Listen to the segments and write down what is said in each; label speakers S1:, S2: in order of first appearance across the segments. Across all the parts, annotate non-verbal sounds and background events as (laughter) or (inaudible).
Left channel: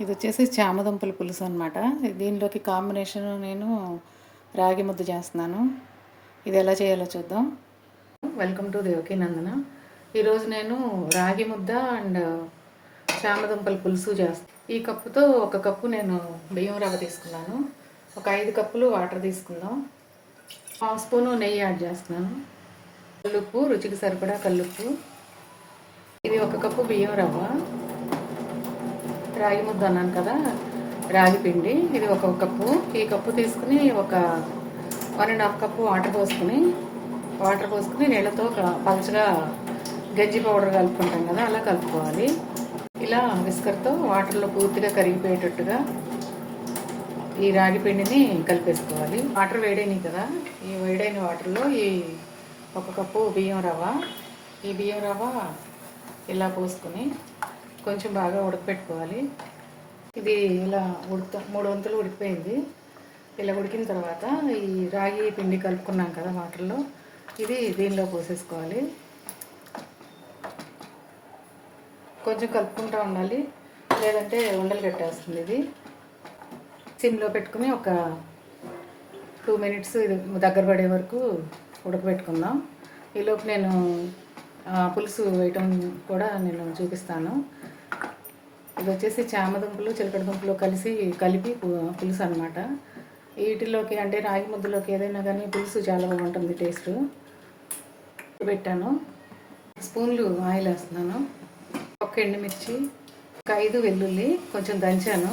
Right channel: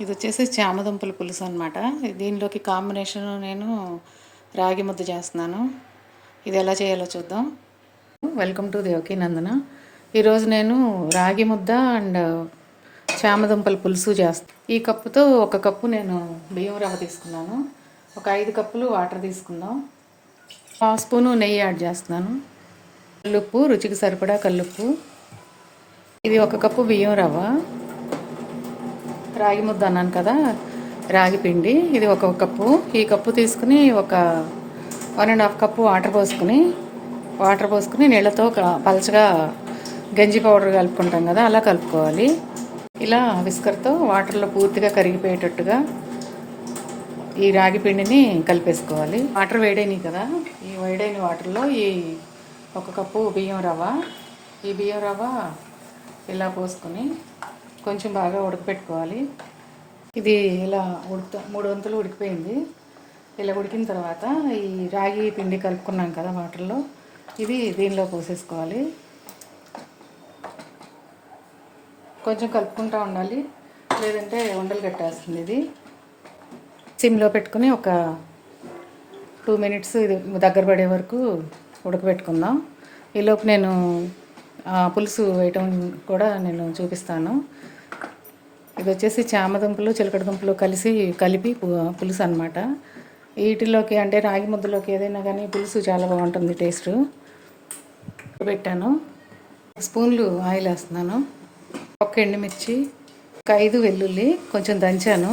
S1: ఇది వచ్చేసి చామదుంపల పులుసు అనమాట దీనిలోకి కాంబినేషన్ నేను రాగి ముద్ద చేస్తున్నాను. ఇది ఎలా చేయాలో చూద్దాం. Welcome to Devaki Nandana. ఈరోజు నేను రాగి ముద్ద అండ్ చామదుంపల పులుసు చేస్తాను ఈ కప్పుతో ఒక కప్పు నేను బియ్యం రవ్వ తీసుకున్నాను. ఒక ఐదు కప్పులు వాటర్ తీసుకుందాం. హాఫ్ స్పూను నెయ్యి యాడ్ చేస్తున్నాను. కల్లుప్పు రుచికి సరిపడా కల్లుప్పు. ఇది ఒక కప్పు బియ్యం రవ్వ. రాగి ముద్ద అన్నాను కదా రాగి పిండి. ఇది ఒక కప్పు. ఈ కప్పు తీసుకుని ఒక one and half cup water పోసుకుని వాటర్ పోసుకుని నీళ్ళతో ఒక పలచగా గంజి పౌడర్ కలుపుకుంటాం కదా అలా కలుపుకోవాలి. ఇలా విస్కర్తో వాటర్లో పూర్తిగా కరిగిపోయేటట్టుగా ఈ రాగి పిండిని కలిపేసుకోవాలి. వాటర్ వేడైనవి కదా ఈ వేడైన వాటర్లో ఈ ఒక కప్పు బియ్యం రవ్వ. ఈ బియ్యం రవ్వ ఇలా పోసుకొని కొంచెం బాగా ఉడకపెట్టుకోవాలి. ఇది ఇలా ఉడుకుతా మూడు వంతులు ఉడికిపోయింది. ఇలా ఉడికిన తర్వాత ఈ రాగి పిండి కలుపుకున్నాం కదా వాటర్లో. ఇది దీనిలో పోసేసుకోవాలి. కొంచెం కలుపుకుంటూ ఉండాలి. లేదంటే ఉండలు కట్టేస్తుంది ఇది. సిమ్లో పెట్టుకుని ఒక టూ మినిట్స్ ఇది దగ్గర పడే వరకు ఉడకబెట్టుకుందాం ఈలోపు నేను పులుసు వేయటం కూడా నేను చూపిస్తాను. ఇది వచ్చేసి చామదుంపలు చిలకడ దుంపలు కలిసి కలిపి పులుసు అనమాట వీటిలోకి అంటే రాగి ముద్దలోకి ఏదైనా కానీ పులుసు చాలా బాగుంటుంది టేస్ట్. పెట్టాను. స్పూన్లు ఆయిల్ వేస్తున్నాను. ఒక ఎండుమిర్చి ఒక ఐదు వెల్లుల్లి కొంచెం దంచాను.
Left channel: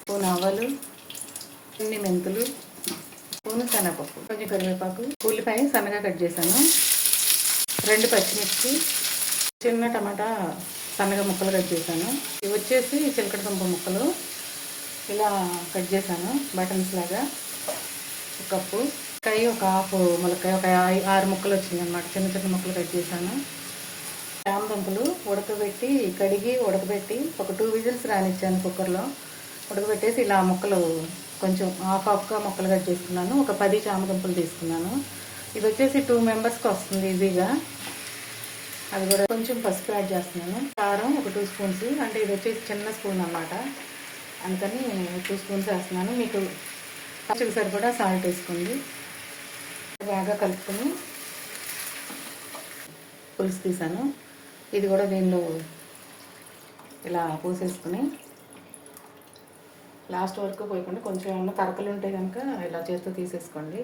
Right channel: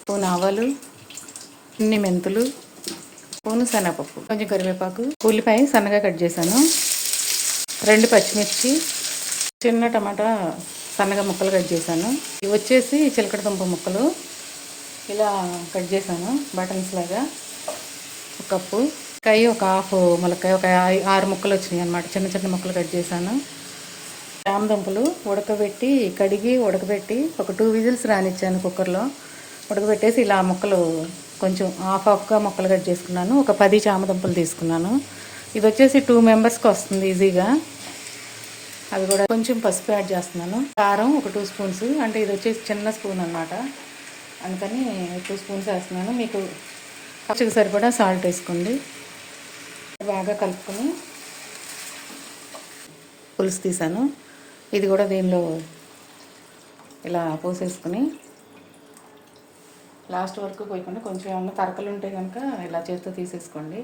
S1: స్పూన్ ఆవాలు కొన్ని మెంతులు స్పూన్ శనగపప్పు కొంచెం కరివేపాకు ఉల్లిపాయ సన్నగా కట్ చేశాను. రెండు పచ్చిమిర్చి చిన్న టమాటా సన్నగా ముక్కలు కట్ చేశాను. ఇవి వచ్చేసి చిలకడ దుంప ముక్కలు. ఇలా కట్ చేశాను బటన్స్ లాగా ఒక కప్పు. కాయ ఒక హాఫ్ ములకాయ ఒక ఆరు ముక్కలు వచ్చినాయి అనమాట చిన్న చిన్న ముక్కలు కట్ చేశాను. దుంపలు ఉడకబెట్టి కడిగి ఉడకబెట్టి ఒక టూ విజిల్స్ రానిచ్చాను కుక్కర్లో. ఉడకబెట్టేసి ఇలా ముక్కలు కొంచెం హాఫ్ హాఫ్గా ముక్కలు కట్ చేసుకున్నాను. ఒక పది చామ దుంపలు తీసుకున్నాను. ఇది వచ్చేసి టూ మెంబర్స్కి వస్తుంది ఈజీగా. అది కూడా కొంచెం పసుపు యాడ్ చేస్తున్నాను. కారం ఒక టూ స్పూన్స్ అంటే ఇది వచ్చేసి చిన్న స్పూన్ అనమాట అందుకని టూ స్పూన్స్ వేస్తున్నాను. మీకు పచ్చికి సరిపడా సాల్ట్ వేసుకోండి. బాగా కలుపుకొని పులుసు తీసాను. ఇది కూడా దీనిలో ఇలా పోసేసుకుని లాస్ట్ వరకు పోయకుండా కొంచెం ఏమన్నా తరకలు ఉంటే కనుక ఇలా చేస్తూ తీసేసుకోండి.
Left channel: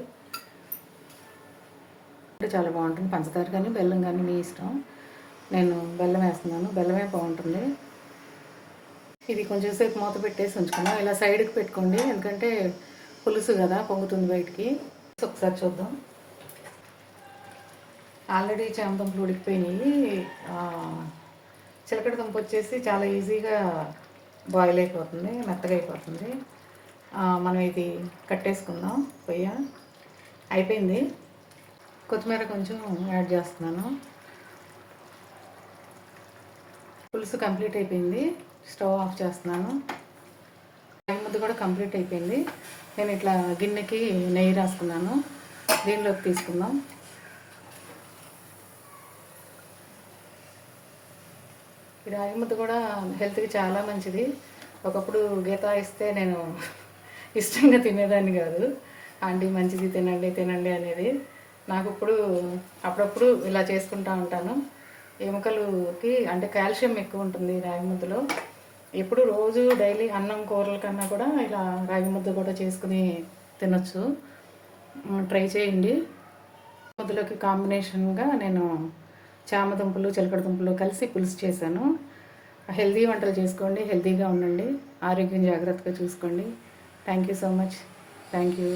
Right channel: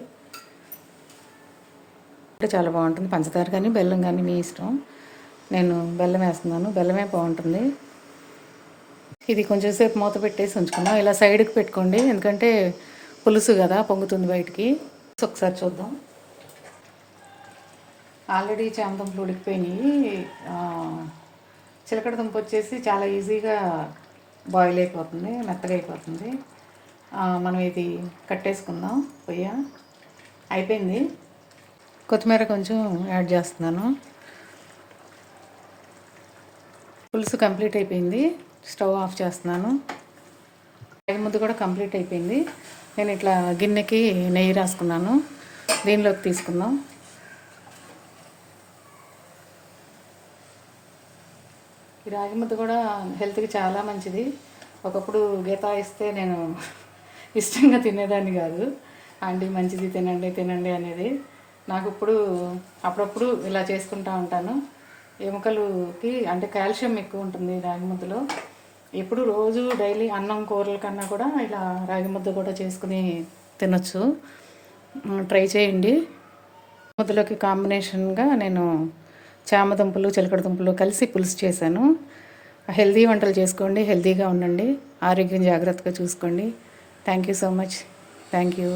S1: అంటే చాలా బాగుంటుంది. పంచదార కానీ బెల్లం కానీ మీ ఇష్టం. నేను బెల్లం వేస్తున్నాను. బెల్లమే బాగుంటుంది. ఇది కొంచెం సేపు మూత పెట్టేసి ఉంచుకున్నాం ఇలా సైడ్కి పెట్టుకోండి. ఎందుకంటే పులుసు కదా పొంగుతుంది బయటికి. ఒకసారి చూద్దాం. ఆల్రెడీ చామదుంపలు ఉడికిపోయినాయి. చిలకడ దుంప వచ్చేసి చాలా ఈజీగా బాయిల్ అయిపోతుంది మెత్తగా అయిపోతుంది. మనం ఇది కట్టేసుకుందాం పొయ్య. అయిపోయింది. కొత్తిమీర కొంచెం యాడ్ చేస్తున్నాను. పులుసు కంప్లీట్ అయిపోయింది. స్టవ్ ఆఫ్ చేస్తున్నాను. ముద్ద కూడా కంప్లీట్ అయిపోయింది. నేను ఇట్లా గిన్నెకి నెయ్యి రాసుకున్నాను. దీనిలోకి తీసుకుందాం. ఈ రాగి ముద్ద కూడా హెల్త్కి చాలా మంచిది. ఒకప్పుడు గీత ఇస్తే నేను (laughs) ఇష్టంగా తినేదాన్ని కాదు. అండి మంచిది తినండి తినండి అనేది. నాకు ఇప్పుడు అప్పుడప్పుడు ఇలా చేసుకుంటూ ఉంటాను. ఎముకలుకి అంటే కాల్షియం ఎక్కువ ఉంటుంది రాగి ముద్దలో. ఎప్పుడు రోజు డైలీ అన్నం కూరల కన్నా కూడా ఇలా రాగి ముద్ద కూడా చేసుకుని తినొచ్చు. ట్రై చేయండి. ముద్దలోకి కాంబినేషన్గా నేను చామదుంపలు చిలకడ దుంపలు కలిసి పులుసు చేశాను. హెల్తీ వంటలు చేసుకోండి హెల్దీగా ఉండండి. ఆరోగ్యం జాగ్రత్తగా చూసుకోండి. Thank you so much thank you